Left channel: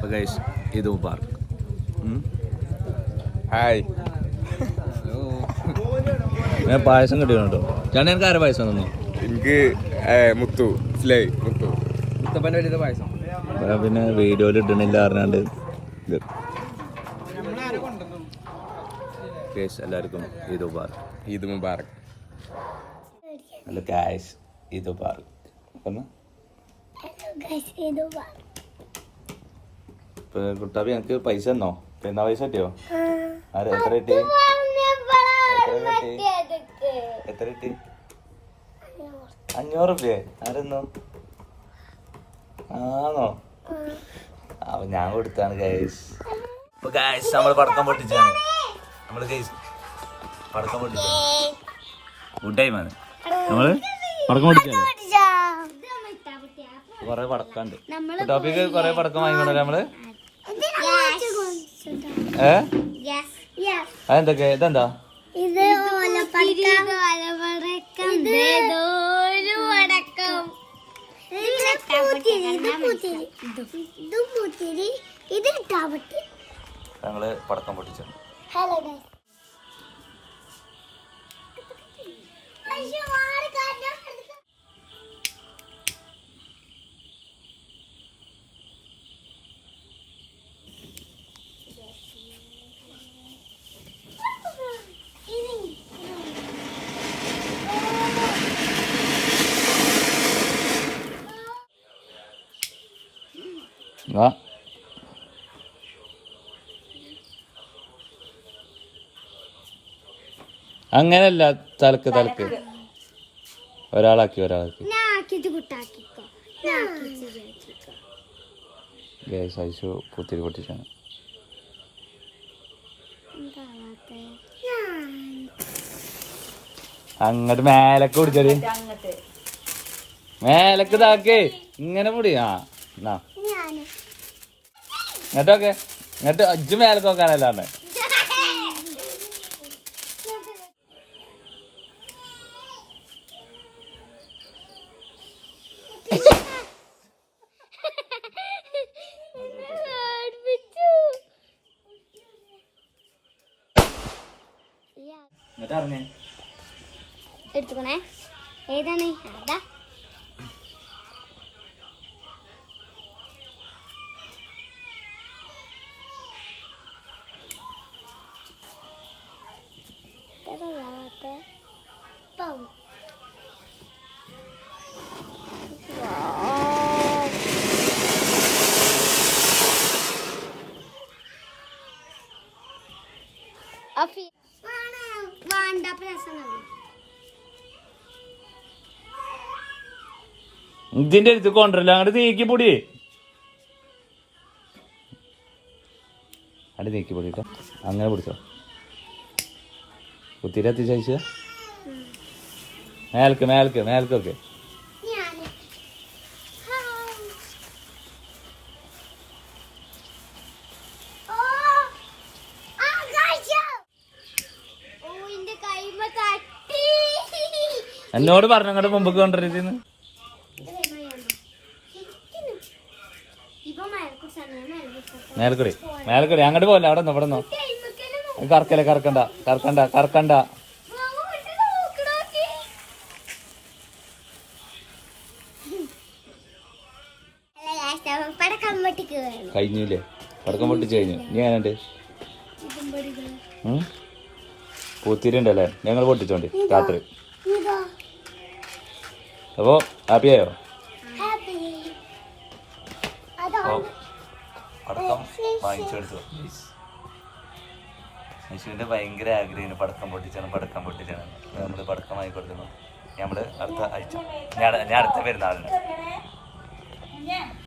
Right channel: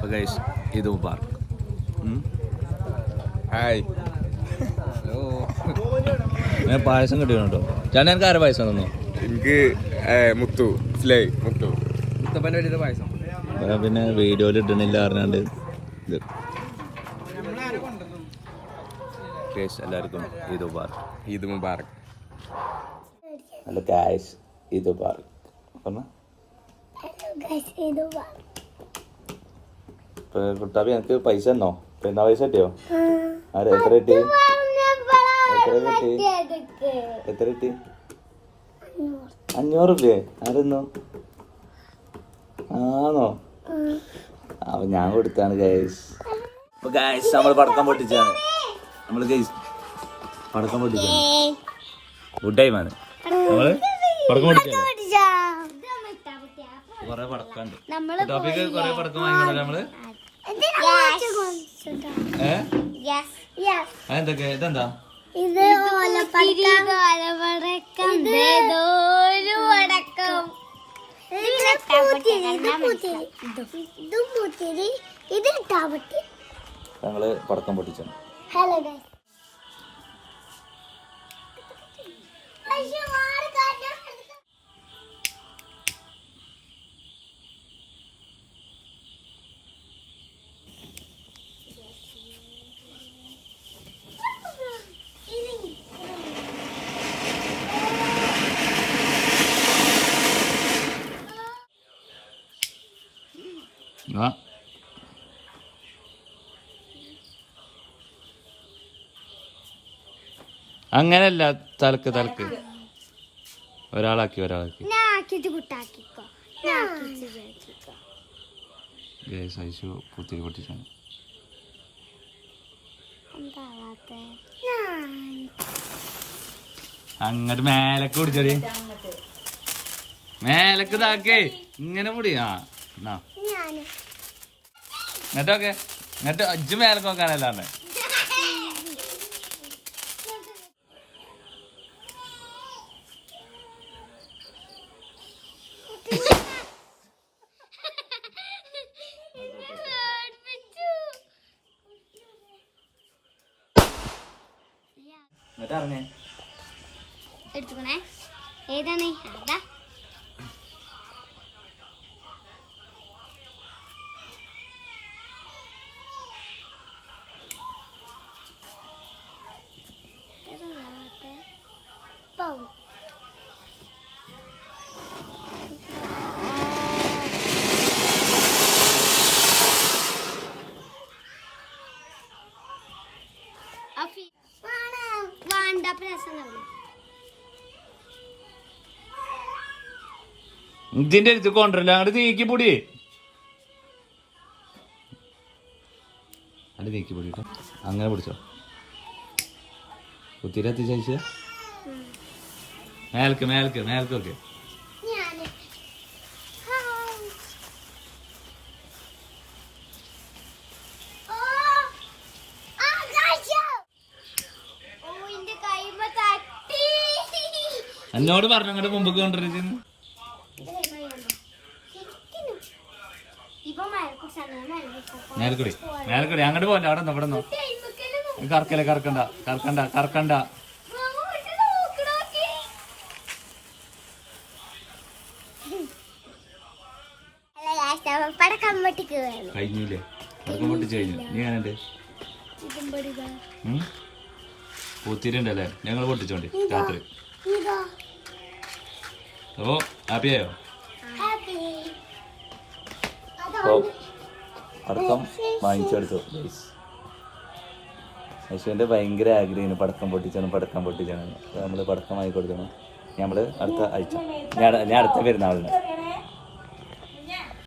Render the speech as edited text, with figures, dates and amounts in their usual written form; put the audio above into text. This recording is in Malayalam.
അപ്പോൾ ഗൈസ് ഇത് മുബാറക്. ഹായ്. ഞാൻ പായസം കിട്ടിയിട്ടുണ്ടോ? ഞാൻ എനിക്ക് ആരെ പായസം തന്നു? എനിക്ക് മുത്തു മുത്തു മുത്തപ്പൻ്റെ വലിയ പായസം. പിന്നെ വീഡിയോയിൽ ഇടണില്ല അറിഞ്ഞാണ്ട് ഇത് എല്ലാവർക്കും ഈദ് മുബാറക്. ഈദ് മുബാറക്. അല്ല ഗൈസ് ഈദ് മുബാറക് പറഞ്ഞ കുട്ടാപ്പി എനിക്ക് പൈസ തന്നോ? എന്നാ പൈസ കിട്ടിയോ? ആര് എത്ര കിട്ടി? എത്ര കിട്ടി? 500 രൂപയെ? ആരെന്നോ? ആണോ? അപ്പൊ ഞാൻ കൊടുത്താണ് ഗൈസ്. അപ്പൊ ഗൈസ് നമ്മൾ പടക്കം പൊട്ടിച്ചാണ്. നമ്മള് ഗൈസ് പടക്കം പൊട്ടിച്ചാണ്. ഗുഡ് ടൈം ആണ്. നമ്മള് പടക്കം പൊട്ടിച്ചാണ്. കൊറേ പടക്കണ്ട്. ടോപ്പിക്ക് കൊറേ പടക്കം വാങ്ങിക്കൊണ്ടല്ലേ നമ്മള്? അതെന്തൊക്കെ? ഇതെന്താ? ഞങ്ങള് പടക്കം പൊട്ടിച്ചു. അങ്ങനല്ല, തലക്ക് ഒരാളാക്കി പുത്തിരി പൊട്ടിച്ചാണ്. അങ്ങോട്ട് മേലക്ക് പിടിച്ചടി, മേലക്ക് ഇതാക്കേ, ഇങ്ങനെ പൊടി. എന്നിട്ടൊക്കെ എന്നിട്ട് അജ്ജ് മേലക്ക് നോക്കാനല്ലാണ്ട് എടുത്തുക്കണേ. ഏതാണ്? അതാ ഇതിന്റെ അടുത്ത് കൊണ്ടല്ല, അങ്ങോട്ട് നീക്കി പൊടി, അങ്ങോട്ട് നീക്കി പൊടിട്ടോ. അങ്ങനെ പിടിച്ചോ, കുത്തിരി എത്തിച്ച മേൽക്കൊക്കെ. എന്നോട് പറഞ്ഞു അങ്ങോട്ട് മുമ്പ് കൊണ്ടിരുന്നു. മേൽക്കൂടി അങ്ങോട്ട് പോകല്ല, അവിടെ നിന്ന് ഇവിടെ നിന്ന് കറക്കണ്ട. കഴിഞ്ഞില്ലേ? പടക്കം പൊട്ടിച്ച് കഴിഞ്ഞു. നീ ഞാനുണ്ട് പൂത്തിരിണ്ടല്ലേ? ഞങ്ങൾ പൊട്ടിച്ചോണ്ടി രാത്രി. അപ്പോ ഹാപ്പിയായോ? അപ്പോ പടക്കം വാങ്ങിച്ചെടുത്തു. യേശുവിൻ്റെ ഭയങ്കര ആഗ്രഹമാണ് പടക്കം പൊട്ടിച്ചാണ്. നമ്മൾ പടക്കം വാങ്ങി കൊടുക്കണം. നമ്മൾ അടുത്ത ആഴ്ച, ഞാൻ അടുത്ത പെരുന്നാളിന്